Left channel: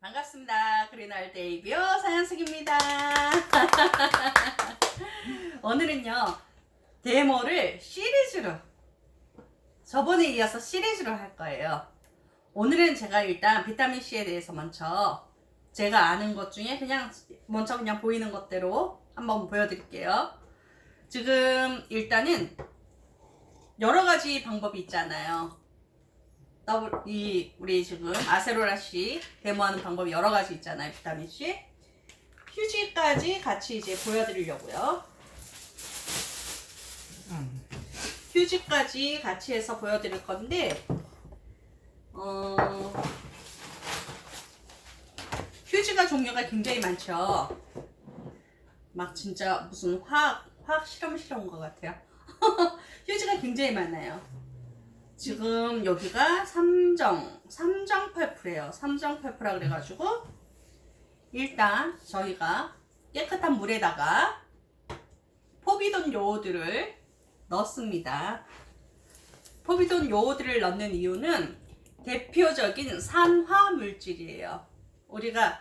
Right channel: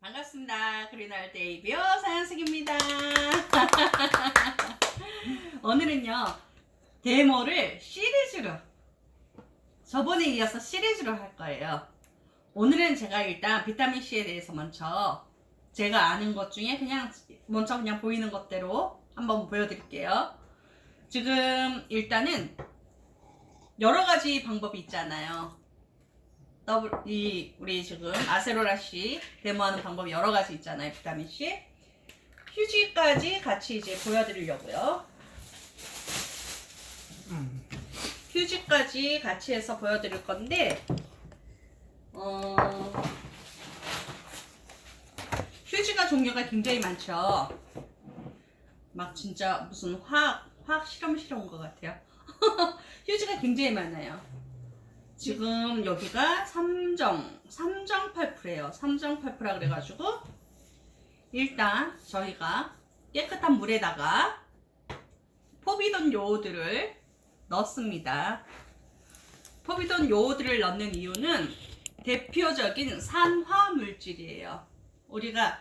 반갑습니다. 그린알 데이비오 사연숙입니다. 오늘은요 데모를 시리즈로 저번에 이어서 시리즈로 할 거예요. 오늘은 제가 일단 비타민 C에 대해서 먼저 제가 아는 것 중에 그냥 먼저 그냥 보이는 것대로 한번 보여드릴게요. 지금 일단은 여러 가지 방법이 있잖아요. 더블 이 우리 지금 아세로라 씨 데모하는 방법이 여러 가지 있잖아요. 비타민 C. 휴지까지 같이 이제 보여드리려고요. 휴지까지 같이 해서 보여드릴 건데 어 휴지가 종류가 굉장히 많죠. 막 진짜 무슨 화학 화학 실험 실험 것 같아요. 휴지가 굉장히 많아요. 지금 여기가 삼정 삼정 펄프래요. 삼정 펄프라 그래가지고 일단 저희가 깨끗한 물에다가 포비돈 요오드를 넣습니다. 포비돈 요오드를 넣는 이유는 대표적인 산화 물질이에요. 우리가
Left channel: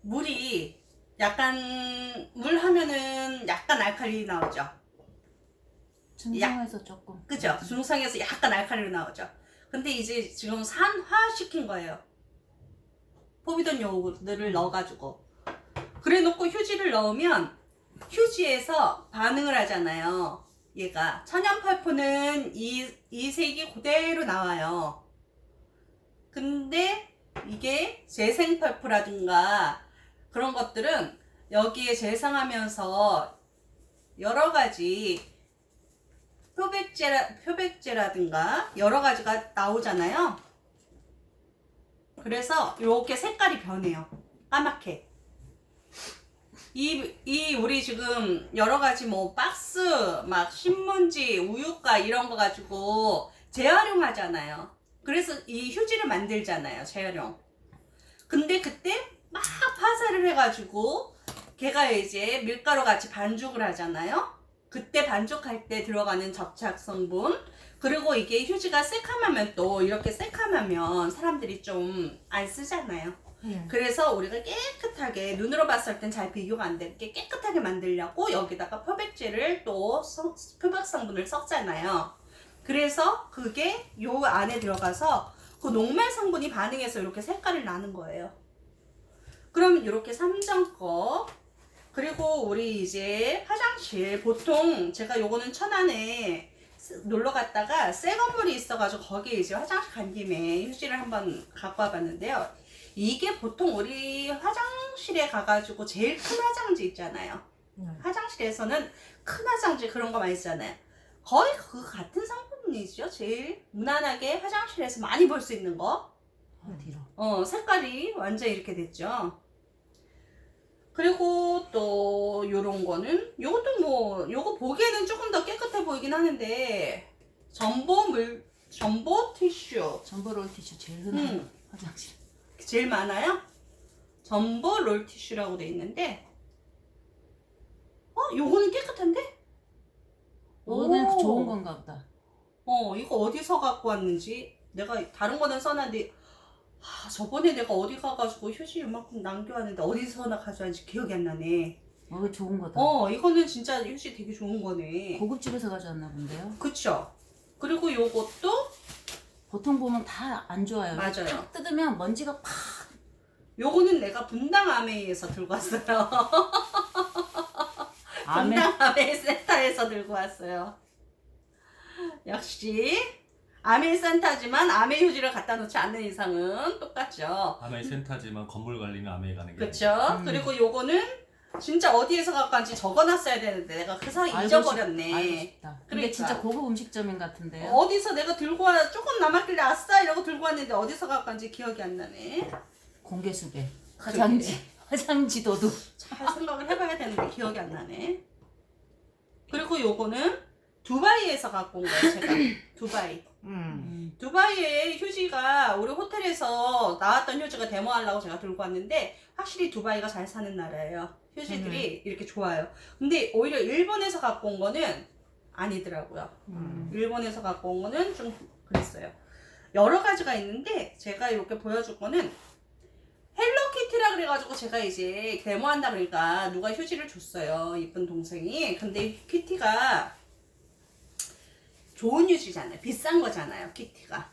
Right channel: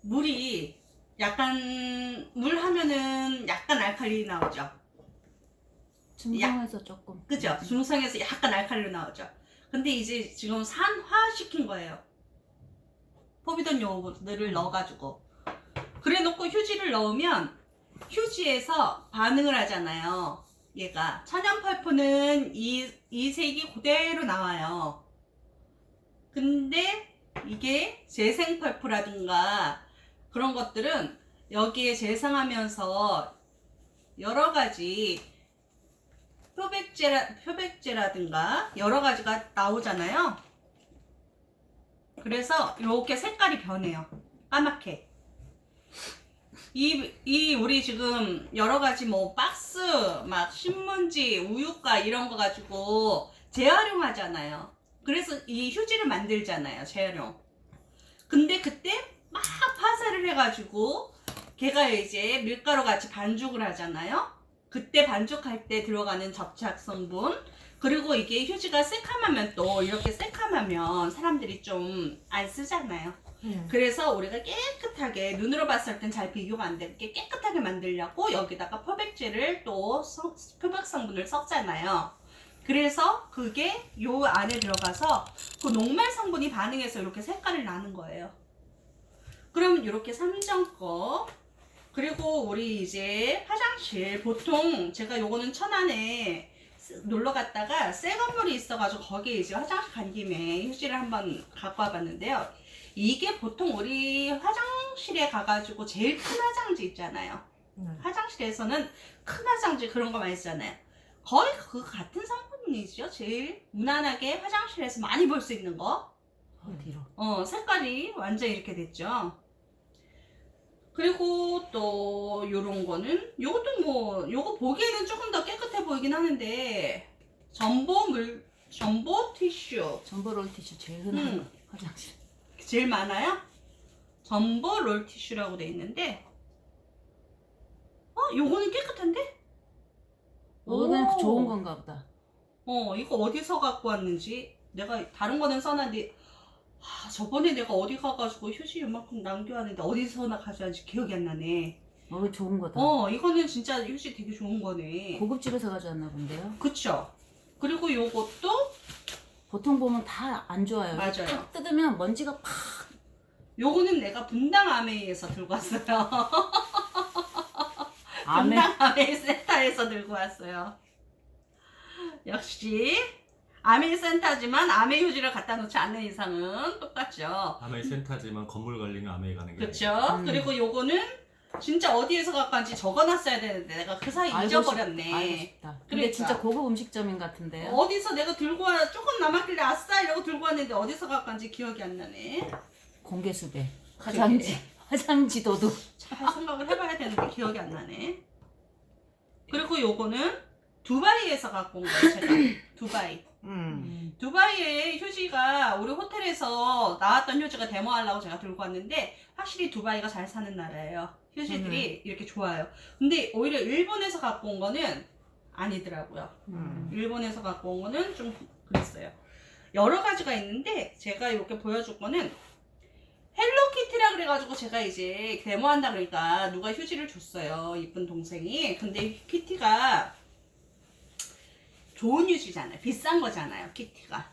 물이 약간 물 하면은 약간 알칼리 나오죠. 중성에서 조금 그죠? 중성에서 약간 알칼리로 나오죠. 근데 이제 지금 산화시킨 거예요. 포비돈 요오드를 넣어가지고. 그래 놓고 휴지를 넣으면 휴지에서 반응을 하잖아요. 얘가. 천연 펄프는 이, 이 색이 그대로 나와요. 근데 이게 재생 펄프라든가 그런 것들은 여기에 재생하면서 여러 가지 표백제라, 표백제라든가 여러 가지가 나오잖아요. 그래서 이렇게 색깔이 변해요. 까맣게. 이, 이, 우리 지금 여러 가지 뭐 박스, 막 신문지, 우유가 이런 거 가지고 재활용하잖아요. 그래서 이 휴지를 만들잖아요. 재활용. 근데 그때 막 파쇄를 해가지고 걔가 이제 밀가루 같이 반죽을 하잖아요. 그때 반죽할 때 들어가는 접착 성분 그리고 이게 휴지가 새카마면 또 이렇게 새카마면 사람들이 좀 안 쓰잖아요. 네. 그래서 우리가 깨끗하게 눈으로 봤을 땐 잘 비교가 안 되게 깨끗하게 만들려고 여기다가 표백제를 또 성- 표백 성분을 썼잖아요. 그래서 그게 요 안에 들어가서 그 녹말 성분이 반응해서 이렇게 색깔을 나는 거예요. 그럼 이렇게 삼정거 그리고 우리 이제 화장실 보통 제가 요거는 천안에 쓰- 놀러 갔다가 새 건물이 있어가지고 거기에 이제 화장실 간 김에 휴지를 한번 갖고 와봤는데요. 이게 보통 우리 화장실에 가가지고 제일 큰 화장지 있잖아요. 네. 화장실에서는 큰 화장지 그런 거 많이 쓰잖아요. 거의 그 같은 성분이죠. 제일 무난하게 화장실에서 많이 볼 수 있는 거. 어디로? 어, 색깔이 완전 이렇게 됐죠. 그리고 또 요런 거는 요것도 뭐 요거 보기에는 조금 더 깨끗해 보이긴 하는데 전보 물 전보 티슈 전보 롤 티슈 제일 흔한 음. 화장실. 제일 많아요. 전보 롤 티슈라고 돼 있는데 어 요거는 깨끗한데? 오. 좋은 건가 보다. 어 이거 어디서 갖고 왔는지 내가 다른 거는 써놨는데 아, 저번에 내가 어디 가가지고 휴지 이만큼 남겨왔는데 어디서나 가져왔는지 기억이 안 나네. 어, 이거 좋은 거다. 어 이거는 진짜 휴지 되게 좋은 거네. 고급집에서 가져왔나 본데요. 그쵸? 그리고 요것도 보통 보면 다 안 좋아요. 맞아요. 딱 뜯으면 먼지가 팍. 요거는 내가 분당 아메이에서 들고 왔어요. 분당 아메이 센터에서 들고 왔어요. 역시 아메이 센터지만 아메이 휴지를 갖다 놓지 않는 이상은 똑같죠. 아메이 센터지만 건물 관리는 아메이 가는 게 그쵸? 음. 그리고 요거는 진짜 어디에서 갖고 왔는지 적어놨어야 되는데 내가 그 사이 알고 잊어버렸네. 싶- 알고 싶다. 근데 그러니까. 진짜 고급 음식점인 같은데요. 어디서 내가 들고 와 조금 남았길래 아싸 이러고 들고 왔는데 어디서 갖고 왔는지 기억이 안 나네. 공개 수배. 그러게. 화장지. 화장지 도둑. 잘 생각을 해봐야 되는데 기억이 안 나네. 그리고 요거는 두바이에서 갖고 온 거예요, 제가. 두바이. 음. 두바이의 휴지가 우리 호텔에서 나왔던 휴지가 데모하려고 제가 들고 왔는데 확실히 두바이가 잘 사는 나라예요. 휴지들이 이렇게 좋아요. 근데 오히려 일본에서 갖고 온 거는 아니더라고요. 음. 일본에서 갖고 온 거는 좀 그랬어요. 여러 가지가 있는데 제가 이렇게 보여줄 거는 그래가지고 제가 이제 데모한다 그러니까 누가 휴지를 줬어요. 이쁜 동생이. 근데 키티가 좋은 휴지잖아요. 비싼 거잖아요. 키티가.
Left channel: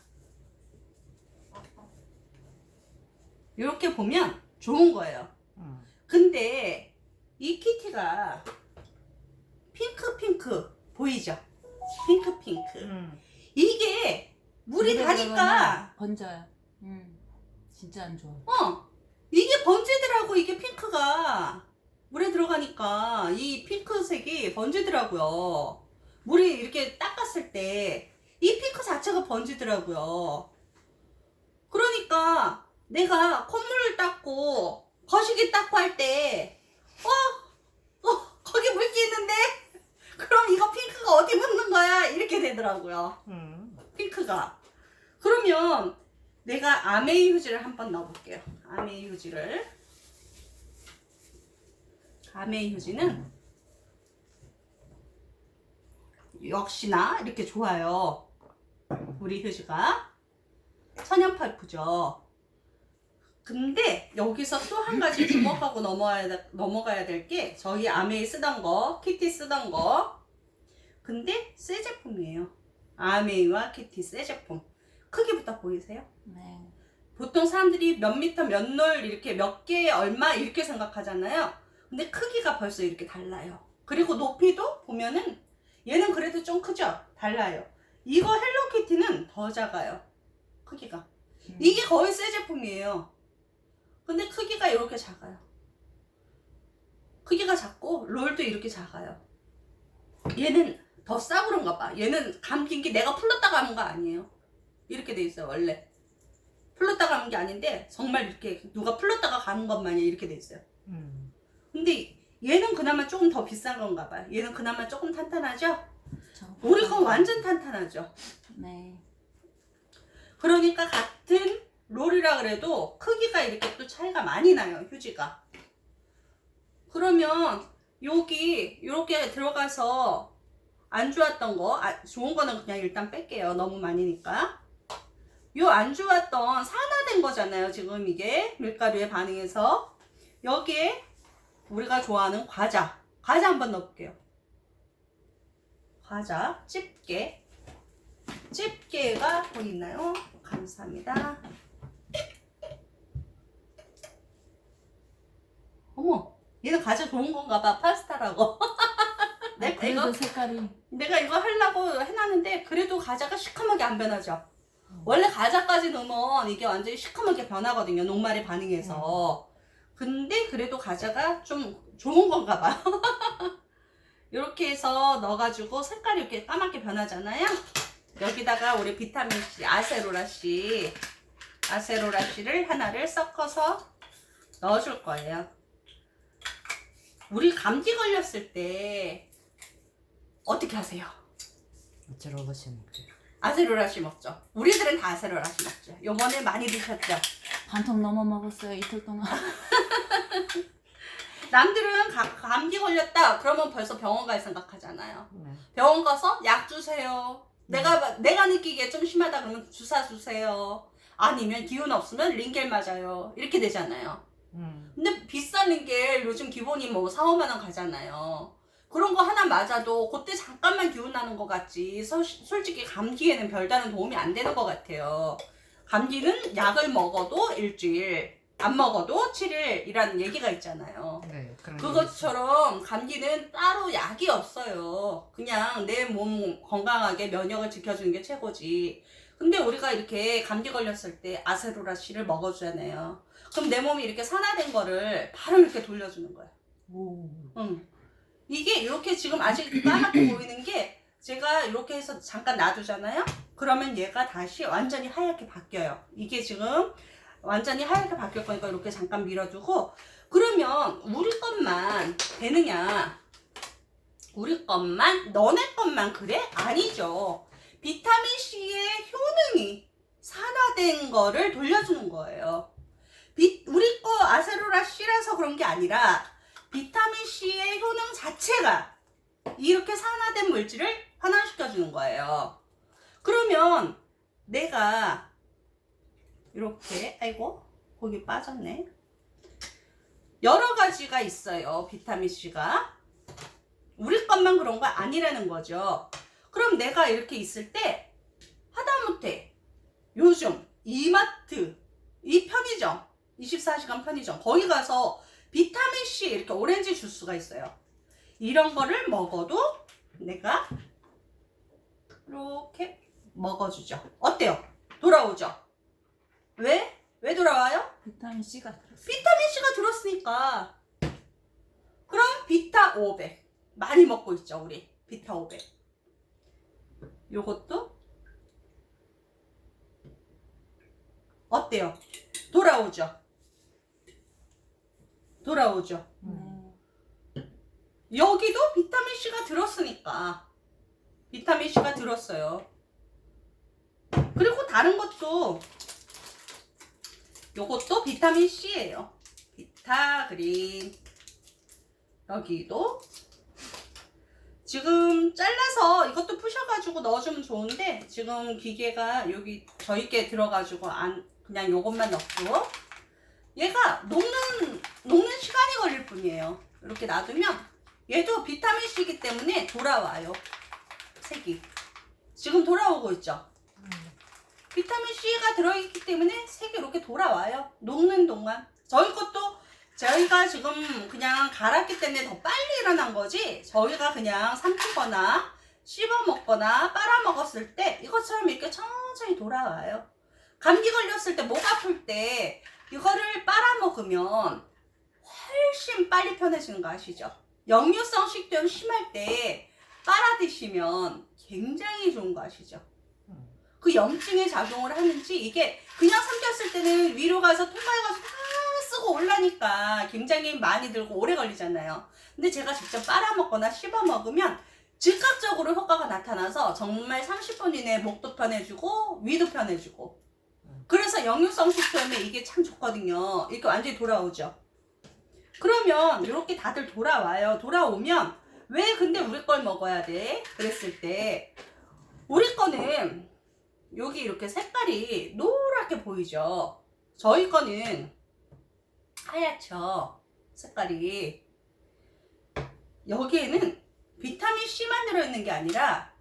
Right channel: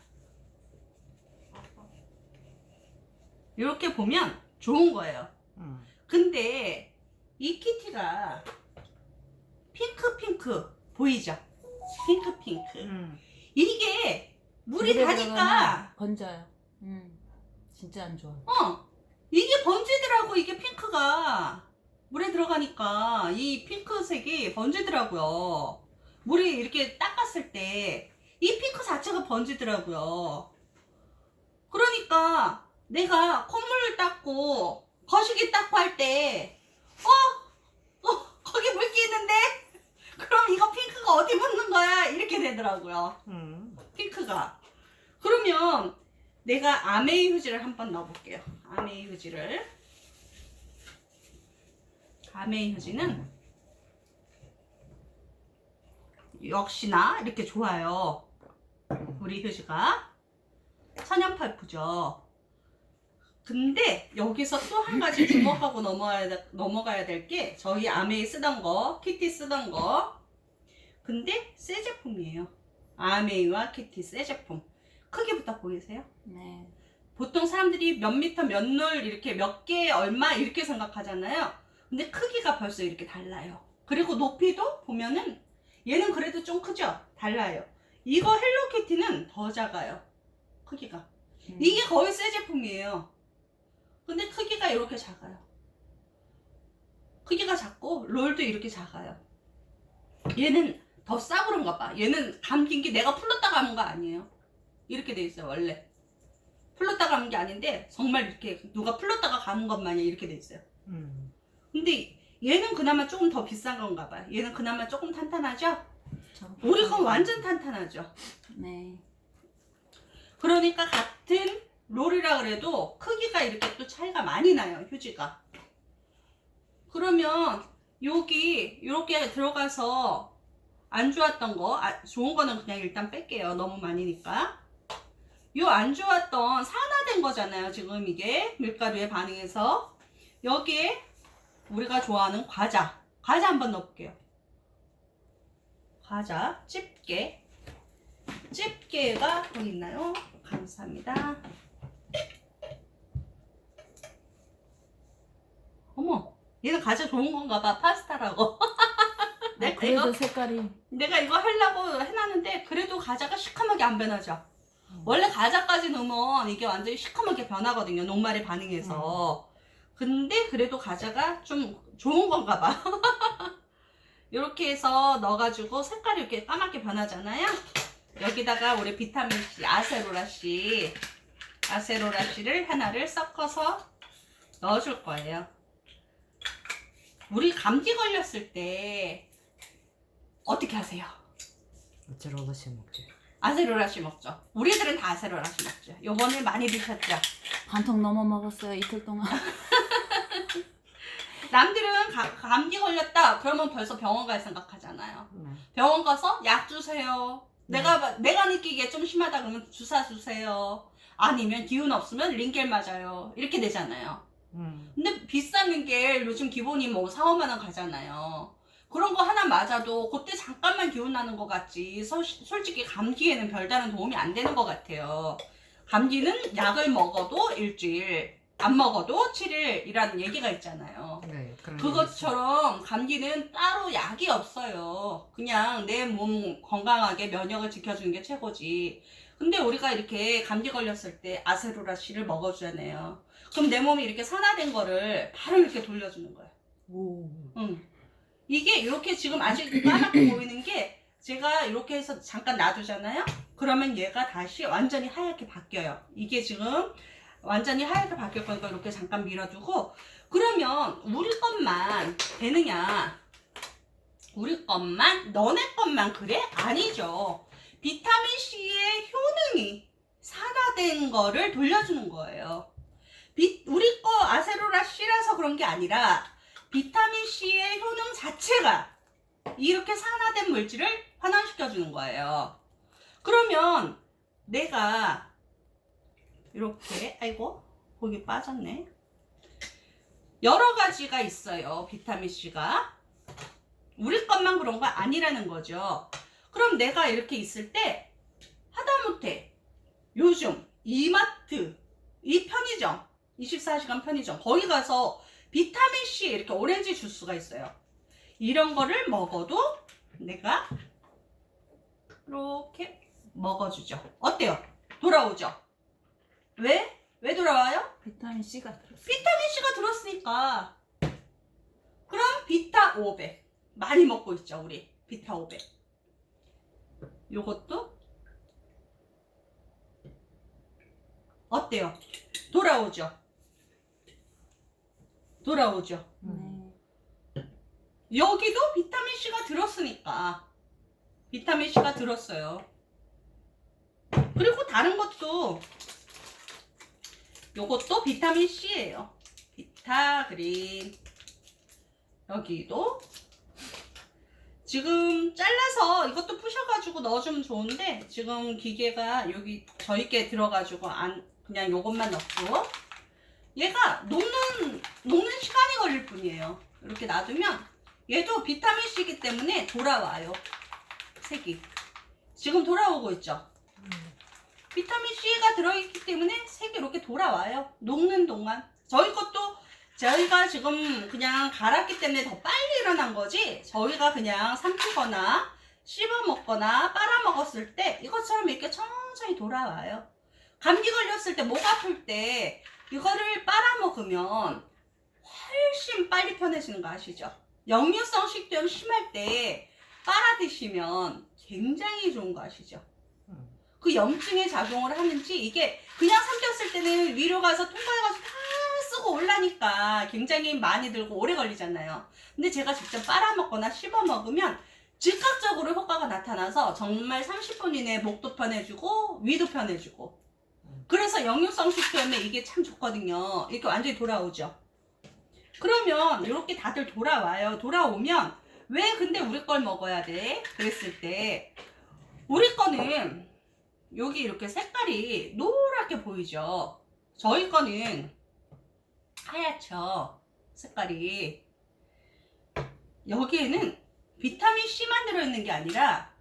이렇게 보면 좋은 거예요. 응. 근데 이 키티가 핑크 핑크 보이죠? 핑크 핑크. 응. 이게 물이 물에 다니까 들어가면 번져요. 응. 진짜 안 좋아. 어 이게 번지더라고 이게 핑크가 물에 들어가니까 이 핑크색이 번지더라고요. 물이 이렇게 닦았을 때 이 핑크 자체가 번지더라고요. 그러니까 내가 콧물을 닦고 거시기 닦고 할 때 어? 어 거기 물기 있는데? 그럼 이거 핑크가 어디 묻는 거야? 이렇게 되더라고요. 응. 핑크가. 그러면 내가 아메이 휴지를 한번 넣어볼게요. 아메이 휴지를. 아메이 휴지는 역시나 이렇게 좋아요. 우리 휴지가 천연 팔프죠. 근데 여기서 또 한 가지 주목하고 넘어가야, 돼- 넘어가야 될 게 저희 아메이 쓰던 거, 키티 쓰던 거. 근데 새 제품이에요. 아메이와 키티 새 제품. 크기부터 보이세요? 네. 보통 사람들이 몇 미터 몇놀 이렇게 몇 개 얼마 이렇게 생각하잖아요. 근데 크기가 벌써 이렇게 달라요. 그리고 높이도 보면은 얘는 그래도 좀 크죠? 달라요. 이거 헬로키티는 더 작아요. 크기가. 음. 이게 거의 새 제품이에요. 근데 크기가 이렇게 작아요. 크기가 작고 롤도 이렇게 작아요. 얘는 더 싸 그런가 봐. 얘는 감긴 게 내가 풀렀다가 하는 거 아니에요. 이렇게 돼 있어요 원래. 풀렀다가 하는 게 아닌데 정말 이렇게 누가 풀렀다가 가는 것만이 이렇게 돼 있어요. 응. 근데 얘는 그나마 조금 더 비싼 건가 봐요. 얘는 그나마 조금 탄탄하죠? 저- 우리 건 완전 탄탄하죠? 네. 그러니까 같은 롤이라 그래도 크기가 이렇게 또 차이가 많이 나요 휴지가 그러면 여기 이렇게 들어가서 안 좋았던 거 아, 좋은 거는 그냥 일단 뺄게요 너무 많이니까 요 안 좋았던 산화된 거잖아요 지금 이게 밀가루에 반응해서 여기에 우리가 좋아하는 과자 과자 한번 넣어볼게요 과자 집게 집게가 보이나요? 감사합니다. 어머, 얘는 과자 좋은 건가 봐. 파스타라고. 내가 아, 그래도 이거 색깔이 내가 이거 하려고 해놨는데 그래도 과자가 시커멓게 안 변하죠. 음. 원래 과자까지 넣으면 이게 완전히 시커멓게 변하거든요. 녹말에 반응해서. 근데 그래도 과자가 좀 좋은 건가 봐. 이렇게 해서 넣어가지고 색깔이 이렇게 까맣게 변하잖아요. 여기다가 우리 비타민 C, 아세로라 C, 아세로라 C를 하나를 섞어서 넣어줄 거예요. 우리 감기 걸렸을 때 어떻게 하세요? 어쩌러 가시 먹지? 아세로라 C 먹죠. 우리 들은 다 아세로라 C 먹죠. 요번에 많이 드셨죠? 반통 넘어 먹었어요 이틀 동안. 남들은 가- 감기 걸렸다 그러면 벌써 병원 갈 생각하잖아요. 네. 병원 가서 약 주세요. 내가 내가 느끼기에 좀 심하다 그러면 주사 주세요. 아니면 기운 없으면 링겔 맞아요. 이렇게 되잖아요. 응. 근데 비싼 링겔 요즘 기본이 뭐 4, 5만 원 가잖아요. 그런 거 하나 맞아도 그때 잠깐만 기운 나는 것 같지. 서- 솔직히 감기에는 별다른 도움이 안 되는 것 같아요. 감기는 약을 먹어도 일주일, 안 먹어도 7일이라는 얘기가 있잖아요. 네. 그런 그것처럼 감기는 따로 약이 없어요. 그냥 내 몸 건강하게 면역을 지켜주는 게 최고지. 근데 우리가 이렇게 감기 걸렸을 때 아세로라 씨를 먹어주잖아요. 그럼 내 몸이 이렇게 산화된 거를 바로 이렇게 돌려주는 거예요. 오. 응. 이게 이렇게 지금 아직 까맣게 보이는 게 제가 이렇게 해서 잠깐 놔두잖아요. 그러면 얘가 다시 완전히 하얗게 바뀌어요. 이게 지금 완전히 하얗게 바뀔 거니까 이렇게 잠깐 밀어두고 그러면 우리 것만 되느냐? 우리 것만 너네 것만 그래? 아니죠. 비타민 C의 효능이 산화된 거를 돌려주는 거예요. 비- 우리 거 아세로라 C라서 그런 게 아니라 비타민 C의 효능 자체가 이렇게 산화된 물질을 환원시켜 주는 거예요. 그러면 내가 이렇게 아이고 거기 빠졌네. 여러 가지가 있어요. 비타민 C가. 우리 것만 그런 거 아니라는 거죠. 그럼 내가 이렇게 있을 때 하다못해 요즘 이마트, 이 편의점, 24시간 편의점 거기 가서 비타민 C 이렇게 오렌지 주스가 있어요. 이런 거를 먹어도 내가 이렇게 먹어주죠. 어때요? 돌아오죠? 왜? 왜 돌아와요? 비타민 C가 들었어. 비타민 C가 들었으니까. 그럼 비타 500 많이 먹고 있죠 우리 비타 500. 요것도 어때요? 돌아오죠. 돌아오죠. 음. 여기도 비타민 C가 들었으니까 비타민 C가 들었어요. 그리고 다른 것도 요것도 비타민 C예요. 비타 그린 여기도 지금 잘라서 이것도 부셔가지고 넣어주면 좋은데 지금 기계가 여기 저희께 들어가지고 안 그냥 요것만 넣고 얘가 녹는 녹는 시간이 걸릴 뿐이에요. 이렇게 놔두면 얘도 비타민 C이기 때문에 돌아와요. 색이 지금 돌아오고 있죠. 음. 비타민 C가 들어있기 때문에 색이 이렇게 돌아와요. 녹는 동안. 저희 것도 저희가 지금 그냥 갈았기 때문에 더 빨리 일어난 거지. 저희가 그냥 삼키거나 씹어 먹거나 빨아 먹었을 때 이것처럼 이렇게 천천히 돌아와요. 감기 걸렸을 때 목 아플 때 이거를 빨아 먹으면 훨씬 빨리 편해지는 거 아시죠? 역류성 식도염 심할 때 빨아 드시면 굉장히 좋은 거 아시죠? 그 염증에 작용을 하는지 이게 그냥 삼켰을 때는 위로 가서 통과해가지고 다 쓰고 올라니까 굉장히 많이 들고 오래 걸리잖아요. 근데 제가 직접 빨아먹거나 씹어 먹으면 즉각적으로 효과가 나타나서 정말 30분 이내에 목도 편해지고 위도 편해지고 그래서 역류성 식도염에 이게 참 좋거든요. 이렇게 완전히 돌아오죠. 그러면 이렇게 다들 돌아와요. 돌아오면 왜 근데 우리 걸 먹어야 돼? 그랬을 때 우리 거는 여기 이렇게 색깔이 노랗게 보이죠. 저희 거는 하얗죠. 색깔이. 여기에는 비타민 C만 들어있는 게 아니라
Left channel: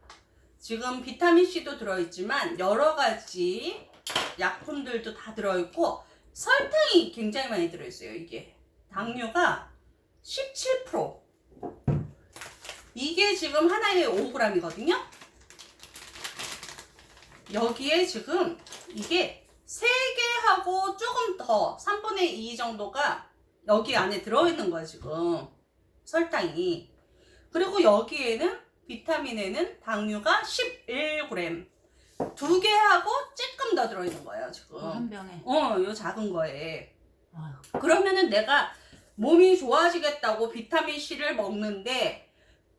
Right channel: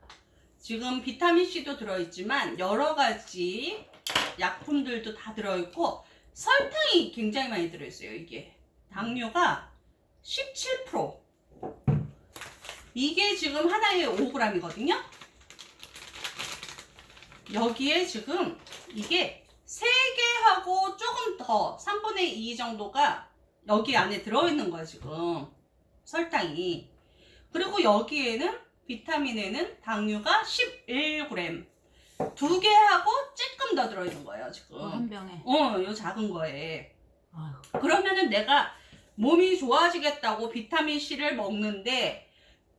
지금 비타민 C도 들어있지만 여러 가지 약품들도 다 들어있고 설탕이 굉장히 많이 들어있어요. 이게 당류가 17% 이게 지금 하나에 5g이거든요. 여기에 지금 이게 3개하고 조금 더 3분의 2 정도가 여기 안에 들어있는 거예요 지금. 설탕이. 그리고 여기에는 비타민에는 당류가 11g 두 개하고 조금 더 들어있는 거예요 지금. 한 병에. 어, 요 작은 거에. 아유. 그러면은 내가 몸이 좋아지겠다고 비타민 C를 먹는데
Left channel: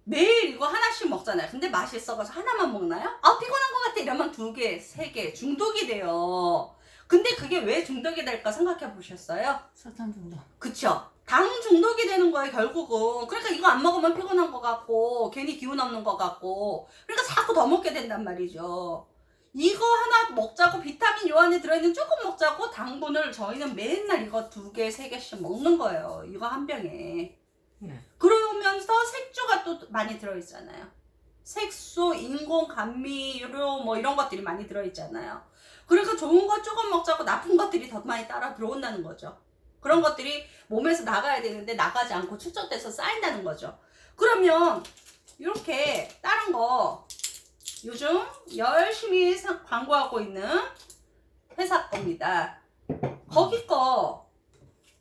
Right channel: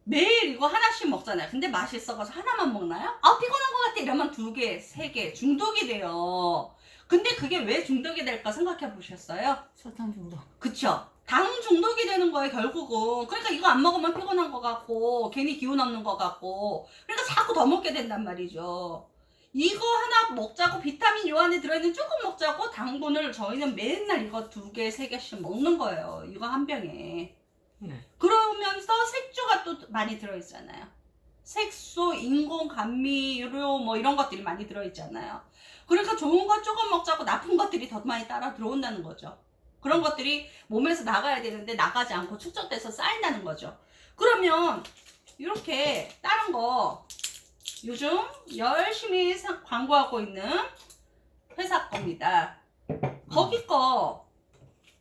매일 이거 하나씩 먹잖아요. 근데 맛있어가지고 하나만 먹나요? 아 피곤한 것 같아 이러면 두 개, 세 개 중독이 돼요. 근데 그게 왜 중독이 될까 생각해 보셨어요? 설탕 중독. 그쵸? 당 중독이 되는 거예요 결국은. 그러니까 이거 안 먹으면 피곤한 것 같고 괜히 기운 없는 것 같고 그러니까 자꾸 더 먹게 된단 말이죠. 이거 하나 먹자고 비타민 요 안에 들어있는 조금 먹자고 당분을 저희는 맨날 이거 두 개, 세 개씩 먹는 거예요. 이거 한 병에. 네. 그러면서 색주가 또 많이 들어있잖아요. 색소, 인공 감미료 뭐 이런 것들이 많이 들어있잖아요. 그러니까 좋은 거 조금 먹자고 나쁜 것들이 더 많이 따라 들어온다는 거죠. 그런 것들이 몸에서 나가야 되는데 나가지 않고 축적돼서 쌓인다는 거죠. 그러면 이렇게 다른 거 요즘 열심히 사- 광고하고 있는 회사 겁니다. 거기 거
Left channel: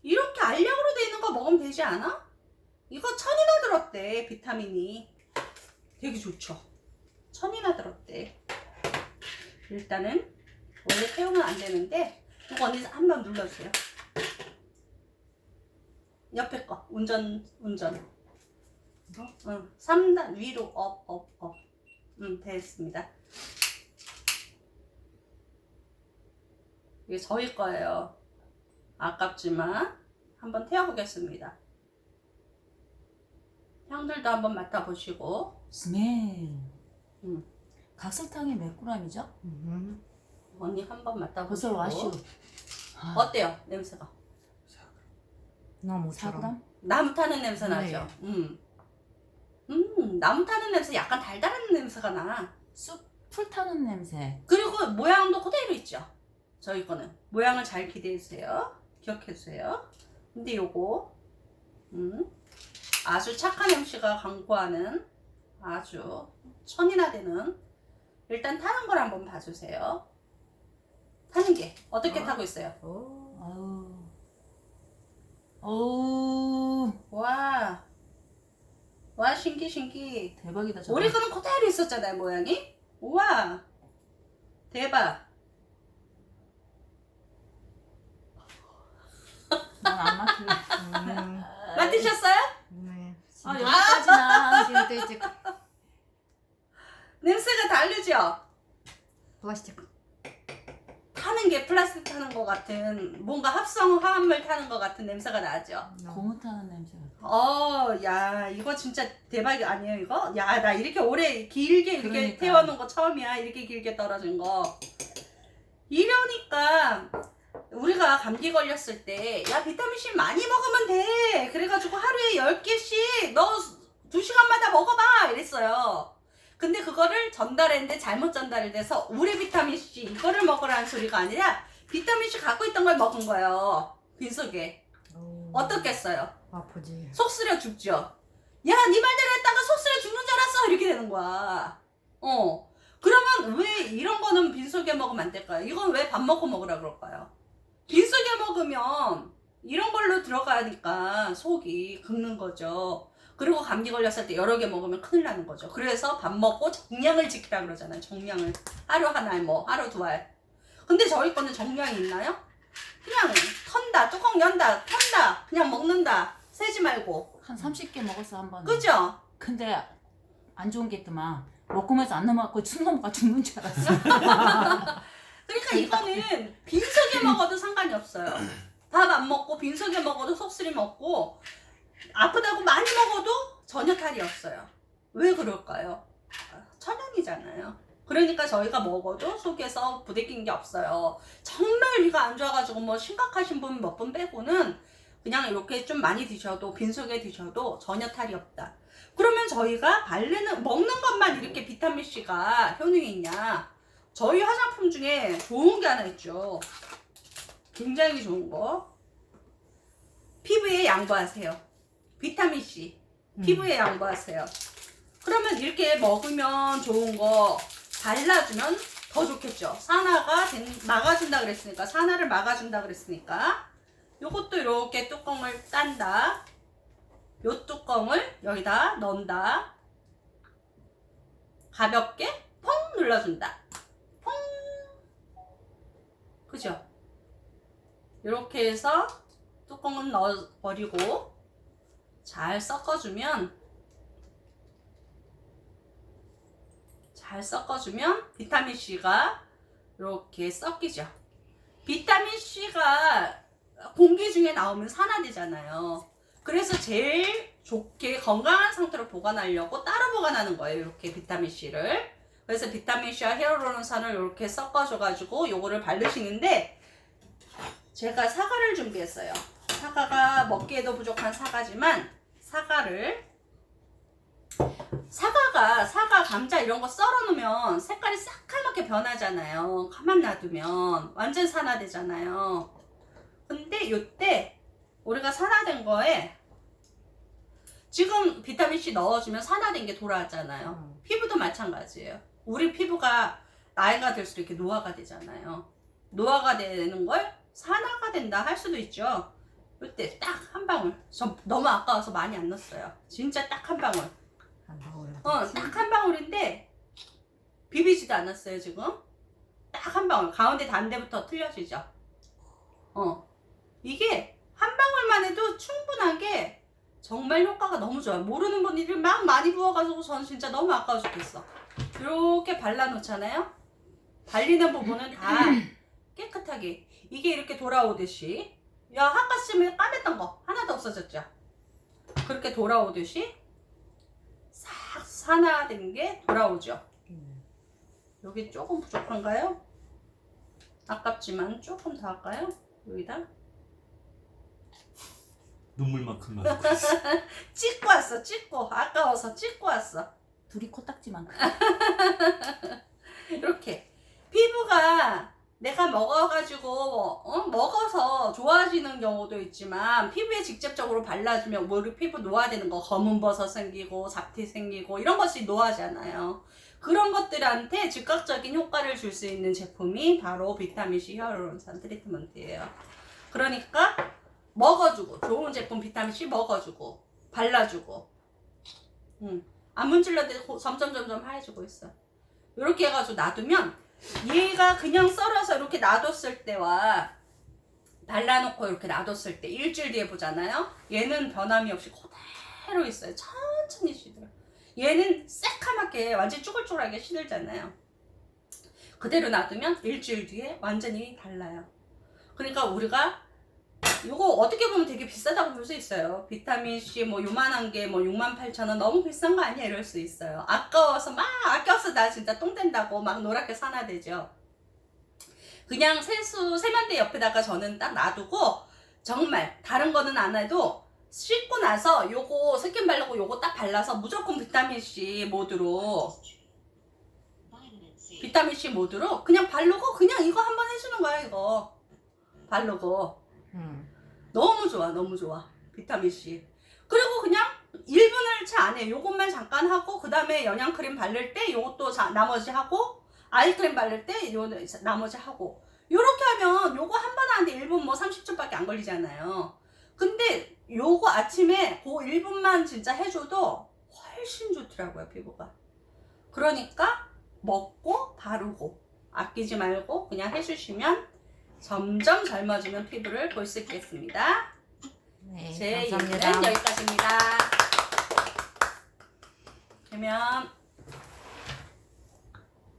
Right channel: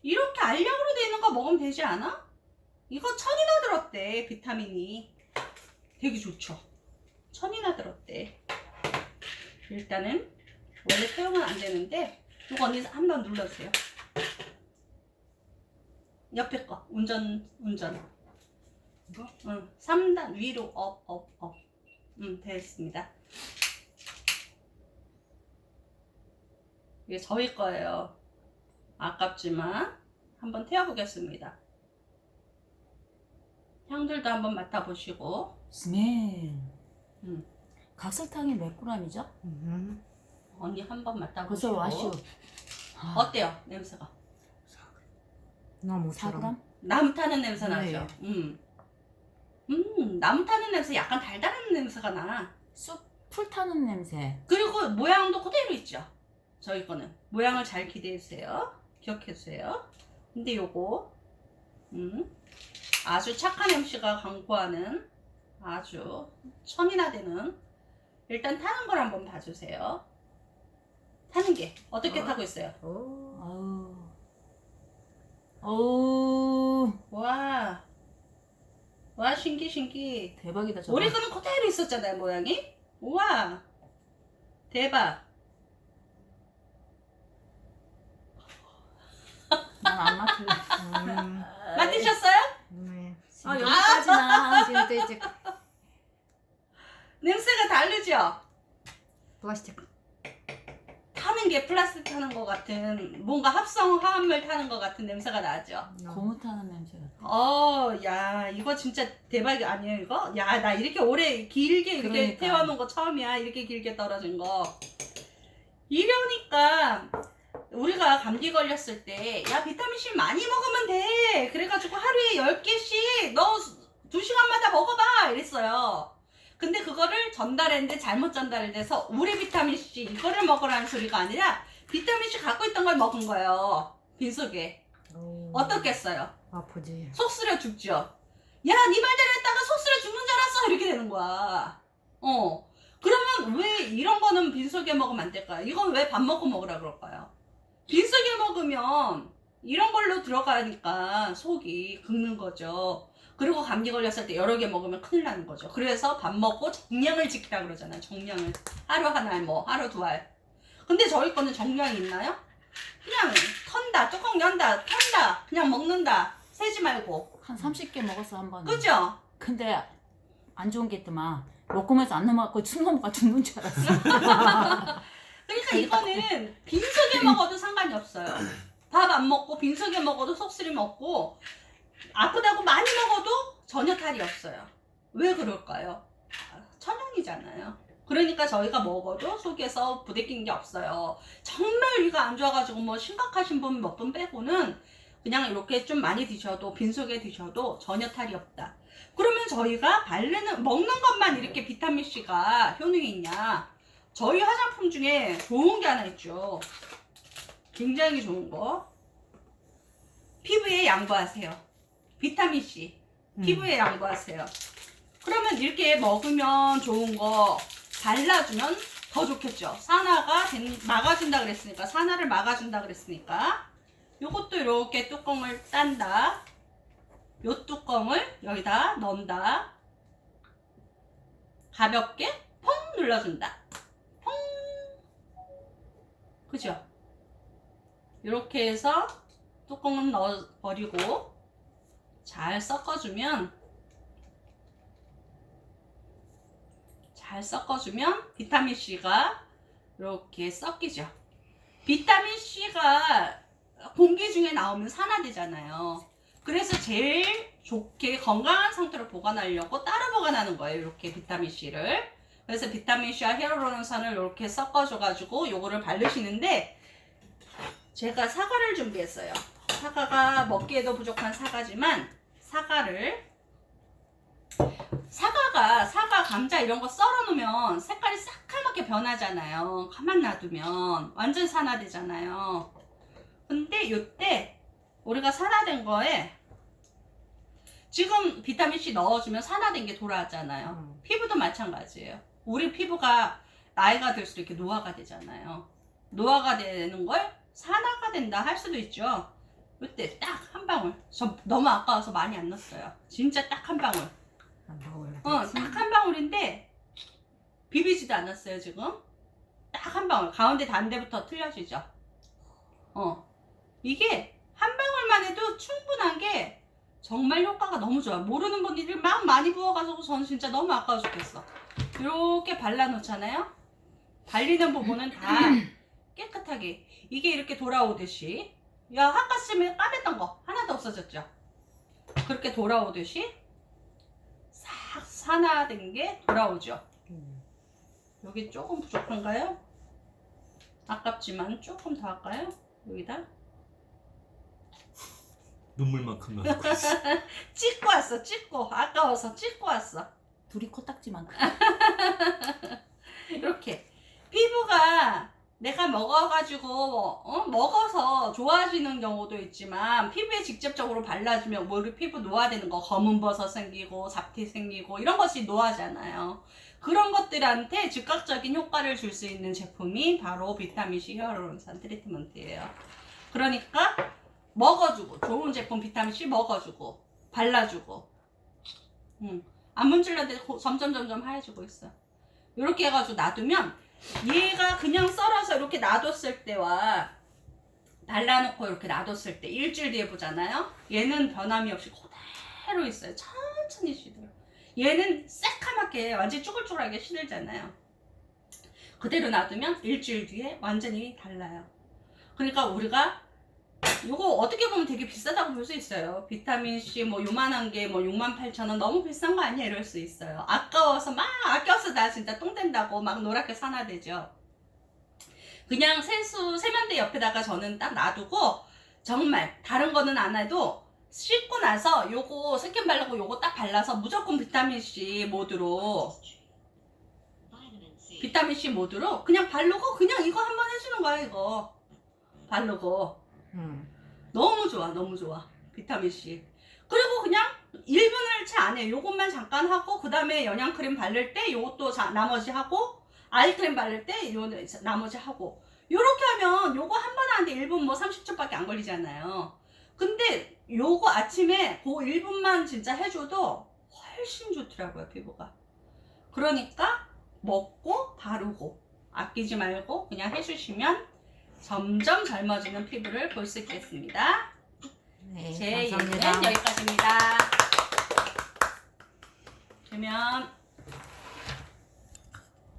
이렇게 알약으로 돼 있는 거 먹으면 되지 않아? 이거 천이나 들었대 비타민이 되게 좋죠. 천이나 들었대. 일단은 원래 사용은 안 되는데 이거 언니 한번 눌러주세요. 옆에 거 운전 운전. 이거 응 3단 위로 업 업 업. 응 됐습니다. 이게 저희 거예요. 아깝지만 한번 태워보겠습니다. 향들도 한번 맡아보시고 스멜. 음. 각설탕이 몇 g이죠? 언니 한번 맡아보시고 와슈. 아, 어때요 냄새가? 나무처럼. 사gram? 나무 타는 냄새 네. 나죠. 음. 음, 나무 타는 냄새 약간 달달한 냄새가 나. 쑥풀 타는 냄새. 그리고 모양도 그대로 있죠. 저희 거는 모양을 잘 기대해 주세요. 기억해 주세요. 근데 요거 음, 아주 착한 MC가 광고하는 아주 천이나 되는 일단 타는 걸 한번 봐주세요. 타는 게 어떻게 어. 타고 있어요? 오. 아우. 어우. 와, 와 신기 신기. 대박이다 저거. 우리 거는 그대로 있었잖아요 모양이. 우와, 대박. 난안 맡을래. 음. 맡으셨어요? 네. 아 여기까지나. 신데이지 냄새가 다르죠? 플라스틱. 타는 게 플라스틱 타는 것 같은 뭔가 합성 화합물 타는 것 같은 냄새가 나죠. 고무 타는 냄새가. 어, 야 이거 진짜 대박이 아니에요 이거? 야 나 이렇게 오래 길게 이렇게 그러니까. 태워놓은 거 처음이야 이렇게 길게 떨어진 거. 이러니까 우리가 감기 걸렸을 때 야 비타민 C 많이 먹으면 돼. 그래가지고 하루에 10개씩 너 2시간마다 먹어봐 이랬어요. 근데 그거를 전달했는데 잘못 전달이 돼서 우리 비타민 C 이거를 먹으라는 소리가 아니라 비타민 C 갖고 있던 걸 먹은 거예요. 빈속에. 오. 어떻겠어요? 아프지. 속 쓰려 죽죠. 야, 네 말대로 했다가 속 쓰려 죽는 줄 알았어. 이렇게 되는 거야. 어. 그러면 왜 이런 거는 빈속에 먹으면 안 될까요? 이건 왜 밥 먹고 먹으라 그럴까요? 빈속에 먹으면 이런 걸로 들어가니까 속이 긁는 거죠. 그리고 감기 걸렸을 때 여러 개 먹으면 큰일 나는 거죠. 그래서 밥 먹고 정량을 지키라 그러잖아요. 정량을. 하루 한 알, 뭐, 하루 두 알. 근데 저희 거는 정량이 있나요? 그냥 턴다, 뚜껑 연다, 턴다, 그냥 먹는다. 세지 말고. 한 30개 먹었어 한 번에. 그죠? 근데 안 좋은 게 있더만. 먹으면서 안 넘어갔고 침 넘어가 죽는 줄 알았어. 그러니까 이거는 빈속에 먹어도 상관이 없어요. 밥 안 먹고 빈속에 먹어도 속쓰리 먹고 아프다고 많이 먹어도 전혀 탈이 없어요. 왜 그럴까요? 아, 천연이잖아요. 그러니까 저희가 먹어도 속에서 부대낀 게 없어요. 정말 위가 안 좋아가지고 뭐 심각하신 분 몇 분 빼고는 그냥 이렇게 좀 많이 드셔도 빈속에 드셔도 전혀 탈이 없다. 그러면 저희가 바르는 먹는 것만 이렇게 비타민 C가 효능이 있냐? 저희 화장품 중에 좋은 게 하나 있죠. 굉장히 좋은 거. 피부에 양보하세요. 비타민 C. 피부에 양보하세요. 그러면 이렇게 먹으면 좋은 거 발라주면 더 좋겠죠. 산화가 된- 막아준다 그랬으니까 산화를 막아준다 그랬으니까 요것도 이렇게 뚜껑을 딴다. 요 뚜껑을 여기다 넣는다. 가볍게 펑 눌러준다. 펑. 그죠? 이렇게 해서 뚜껑은 넣어 버리고 잘 섞어주면 잘 섞어주면 비타민 C가 이렇게 섞이죠. 비타민 C가 공기 중에 나오면 산화되잖아요. 그래서 제일 좋게 건강한 상태로 보관하려고 따로 보관하는 거예요. 이렇게 비타민 C를. 그래서 비타민 C와 히알루론산을 이렇게 섞어줘가지고 요거를 바르시는데 제가 사과를 준비했어요. 사과가 먹기에도 부족한 사과지만 사과를 사과가 사과 감자 이런 거 썰어 놓으면 색깔이 새카맣게 변하잖아요. 가만 놔두면 완전 산화되잖아요. 근데 요때 우리가 산화된 거에 지금 비타민 C 넣어주면 산화된 게 돌아왔잖아요. 음. 피부도 마찬가지예요. 우리 피부가 나이가 들수록 이렇게 노화가 되잖아요. 노화가 되는 걸 산화가 된다 할 수도 있죠. 이때 딱 한 방울. 저 너무 아까워서 많이 안 넣었어요. 진짜 딱 한 방울. 한 방울. 어, 딱 한 방울인데 비비지도 않았어요 지금. 딱 한 방울. 가운데 단데부터 틀려지죠. 어, 이게 한 방울만 해도 충분하게 정말 효과가 너무 좋아요. 모르는 분들이 막 많이 부어가지고 저는 진짜 너무 아까워 죽겠어. 이렇게 발라놓잖아요. 발리는 부분은 다 깨끗하게 이게 이렇게 돌아오듯이 야 아까쯤에 까맸던 거 하나도 없어졌죠. 그렇게 돌아오듯이 싹 산화된 게 돌아오죠. 음. 여기 조금 부족한가요? 아깝지만 조금 더 할까요? 여기다 눈물만큼 나고 있어. 찍고 왔어 찍고 아까워서 찍고 왔어 둘이 코딱지만큼. 이렇게 피부가 내가 먹어가지고 어? 먹어서 좋아지는 경우도 있지만 피부에 직접적으로 발라주면 뭐 우리 피부 노화되는 거 검은 버섯 생기고 잡티 생기고 이런 것이 노화잖아요. 그런 것들한테 즉각적인 효과를 줄 수 있는 제품이 바로 비타민C 히어루론산 트리트먼트예요. 그러니까 먹어주고 좋은 제품 비타민C 먹어주고 발라주고 음, 안 문질렀는데 고- 점점 점점 하얘지고 있어. 이렇게 해가지고 놔두면 얘가 그냥 썰어서 이렇게 놔뒀을 때와 발라놓고 이렇게 놔뒀을 때 일주일 뒤에 보잖아요. 얘는 변함이 없이 그대로 있어요. 천천히 시들어. 얘는 새카맣게 완전 쭈글쭈글하게 시들잖아요. 그대로 놔두면 일주일 뒤에 완전히 달라요. 그러니까 우리가 이거 어떻게 보면 되게 비싸다고 볼 수 있어요. 비타민 C 뭐 요만한 게 뭐 6만 8천 원 너무 비싼 거 아니야 이럴 수 있어요. 아까워서 막 아껴서 나 진짜 똥 된다고 막 노랗게 산화되죠. 그냥 세수 세면대 옆에다가 저는 딱 놔두고 정말 다른 거는 안 해도 씻고 나서 요거 스킨 바르고 요거 딱 발라서 무조건 비타민 C 모드로 비타민 C 모드로 그냥 바르고 그냥 이거 한번 해주는 거야 이거 바르고 음. 너무 좋아, 너무 좋아. 비타민 C. 그리고 그냥 1분을 채 안 해. 요것만 잠깐 하고, 그 다음에 영양크림 바를 때 요것도 자, 나머지 하고, 아이크림 바를 때 요 나머지 하고. 요렇게 하면 요거 한 번 하는데 1분 뭐 30초밖에 안 걸리잖아요. 근데 요거 아침에 그 1분만 진짜 해줘도 훨씬 좋더라고요, 피부가. 그러니까 먹고 바르고 아끼지 말고 그냥 해주시면 점점 젊어지는 피부를 볼 수 있겠습니다. 네, 제 얘기는 감사합니다. 여기까지입니다. 그러면